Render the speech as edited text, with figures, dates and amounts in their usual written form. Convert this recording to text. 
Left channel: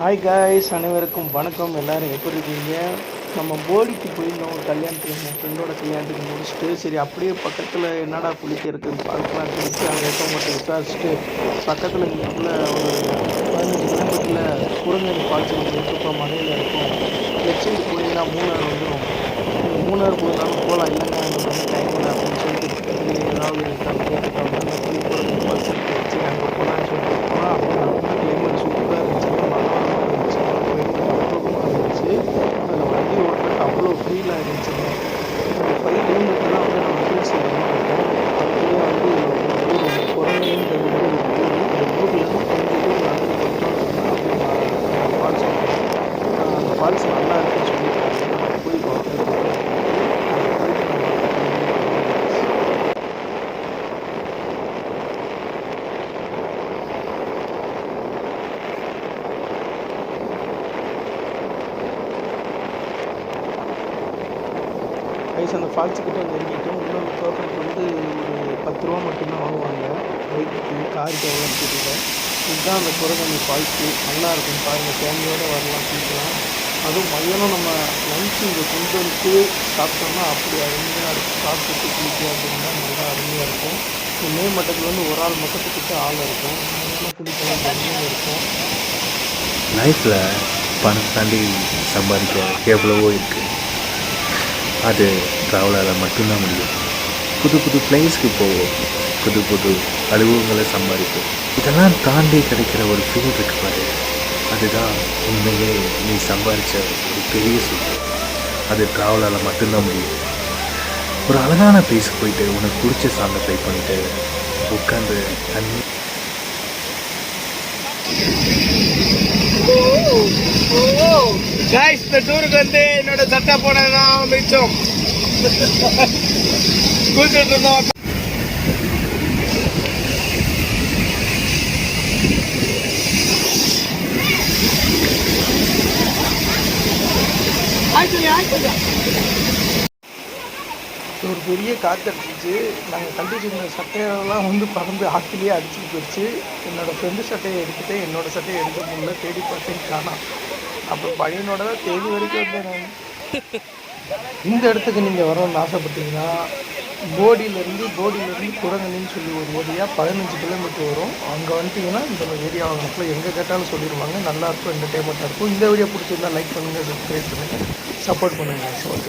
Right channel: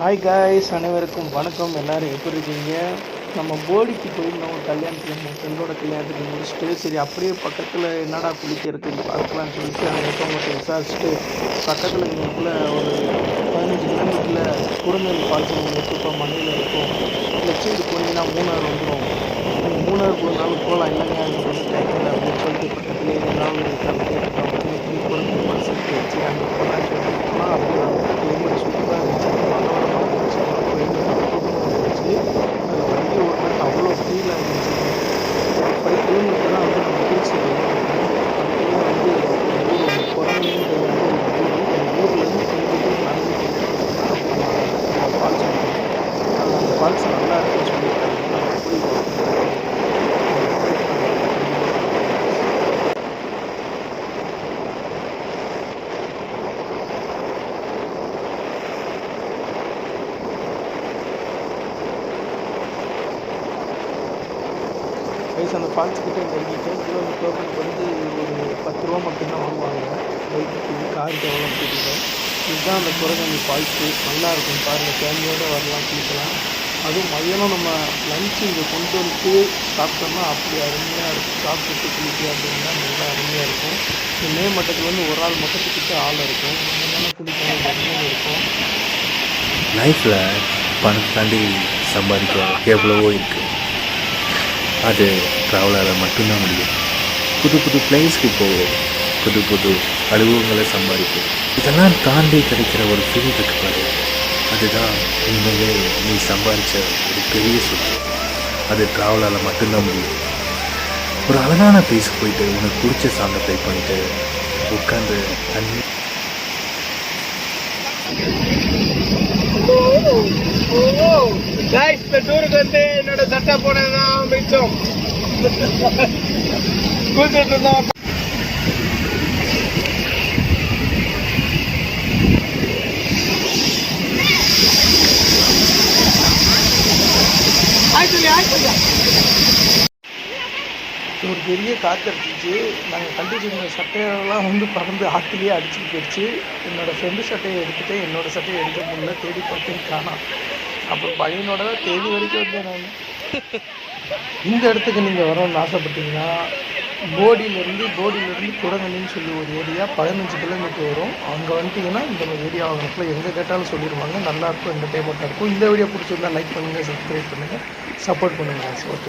Hi guys, அனைவருக்கும் வணக்கம். எல்லோரும் எப்படி இருக்கீங்க? நம்ம போடிக்கு போயிருந்தோம் ஒரு கல்யாணத்துக்கு, நம்ம ஃப்ரெண்டோட கல்யாணத்துக்கு முடிச்சுட்டு, சரி அப்படியே பக்கத்தில் என்னடா குளிக்க இருக்குன்னு பார்க்கலான்னு சொல்லிட்டு அங்கே இருக்கவங்கள்ட்ட விசாரிச்சுட்டு, பக்கத்தில் இங்கேக்குள்ளே ஒரு 15 கிலோமீட்டரில் குரங்கணி ஃபால்ஸ் ஒன்று இருக்குப்பா, மலையில் இருக்கும். லெஃப்ட் சைடு போனீங்கன்னா மூணார் வந்துடும். நீங்கள் மூணார் போனாலும் போகலாம். இல்லைங்க அங்கே கொஞ்சம் டைம் இல்லை அப்படின்னு சொல்லிட்டு பக்கத்துலேயே ஏதாவது இருக்கான்னு கேட்டுட்டோம். அந்த குரங்கணி ஃபால்ஸ் இருக்குது, சரி அங்கே போகலான்னு சொல்லிட்டு போனால் அப்படியே நல்ல கிளைமேட் சூப்பராக இருந்துச்சுங்க. மனோரமாக இருந்துச்சு, கிளைமேட் அற்புதமாக இருந்துச்சு. அதில் வண்டி ஓட்டுறதுக்கு அவ்வளோ ஃபீலாக இருந்துச்சுங்க. ஒரு 5 கிலோமீட்டர் தான் வந்து நம்ம ஹில்ஸ் ஏற மாதிரி இருக்கும். அதுக்குள்ளேயே வந்து ஒரு ஊர் ஒன்று, குரங்கணின்றது வந்து ஒரு ஊர். அந்த ஊர்லேருந்து கொஞ்சம் தூரம் நடந்து போயிட்டோம்னு சொன்னால் அப்படியே அந்த ஃபால்ஸ் வந்துடும். அந்த ஃபால்ஸ் நல்லா இருக்குன்னு சொல்லியிருக்காங்க. நம்ம போய் பார்ப்போம் எப்படி இருக்குன்ட்டு. போயிட்டு நம்ம கண்டினியூ பண்ணுறோம். கைஸ், அந்த ஃபால்ஸுக்கிட்ட நெருங்கிட்டோம். உள்ளே அந்த டோக்கனுக்கு வந்து ஒரு 10 ரூபா மட்டும்தான் வாங்குவாங்க. பைக்குக்கு, காருக்கு எவ்வளோன்னு தெரியல. இதுதான் அந்த குரங்கணி ஃபால்ஸு. நல்லாயிருக்கும் பாருங்கள், ஃபேமிலியோடு வரலாம், குளிக்கலாம். அதுவும் மதியானம் நம்ம லஞ்சு இங்கே கொண்டு வந்துட்டு சாப்பிட்டோம்னா அப்படி அருமையாக இருக்கும். சாப்பிட்டுட்டு குளிக்க அப்படின்னா நல்லா அருமையாக இருக்கும். இந்த மே மட்டத்தில் வந்து ஒரு ஆள் மட்டத்துக்கிட்ட ஆள் இருக்கும். மதியானம் குளிக்கலாம், ஜம்முன்னு இருக்கும். லைஃப்பில் பணத்தை தாண்டி சம்பாதிக்க எவ்வளவோ இருக்குது. அது ட்ராவலால் மட்டும்தான் முடியும். புது புது பிளேஸ்க்கு போவோம், புது புது அனுபவங்களை சம்பாதிப்போம். இதெல்லாம் தாண்டி கிடைக்கிற ஒரு ஃபீல் இருக்கு பாரு, அதுதான் உண்மையிலே நீ சம்பாதிச்ச ஒரு பெரிய சொத்து. அது ட்ராவலால் மட்டும்தான் முடியும். ஒரு அழகான பிளேஸுக்கு போயிட்டு உனக்கு பிடிச்ச சாங்கை ப்ளே பண்ணிவிட்டு உட்காந்து தண்ணி गाइस, இந்த டூருக்கு வந்து என்னோட சட்டை போனதான் மிச்சம். குளிச்சுட்டு இருந்தோம். ஒரு பெரிய காற்று அடிச்சிச்சு. நாங்கள் கண்டிச்சிருந்த சட்டையெல்லாம் வந்து பறந்து ஆற்றுலேயே அடிச்சுட்டு போயிடுச்சு. என்னோடய ஃப்ரெண்டு சட்டையை எடுத்துகிட்டு என்னோடய சட்டையை எடுக்க முடியல. தேடி பார்த்தேன், காணோம். அப்புறம் பையனோட தான் தேதி வரைக்கும் வந்தேன் நான். இந்த இடத்துக்கு நீங்கள் வரணும்னு ஆசைப்பட்டீங்கன்னா, போடியிலேருந்து குரங்கணின்னு சொல்லி ஒரு ஏரியா 15 கிலோமீட்டர் வரும். அங்கே வந்துட்டிங்கன்னா இந்த ஏரியா வாங்கினப்பல எங்கே கேட்டாலும் சொல்லிடுவாங்க. நல்லாயிருக்கும், என்டர்டெயின்மெண்ட்டாக இருக்கும். இந்த வீடியோ பிடிச்சிருந்தா லைக் பண்ணுங்கள், சப்ஸ்கிரைப் பண்ணுங்கள், சப்போர்ட் பண்ணுங்கள். ஓகே.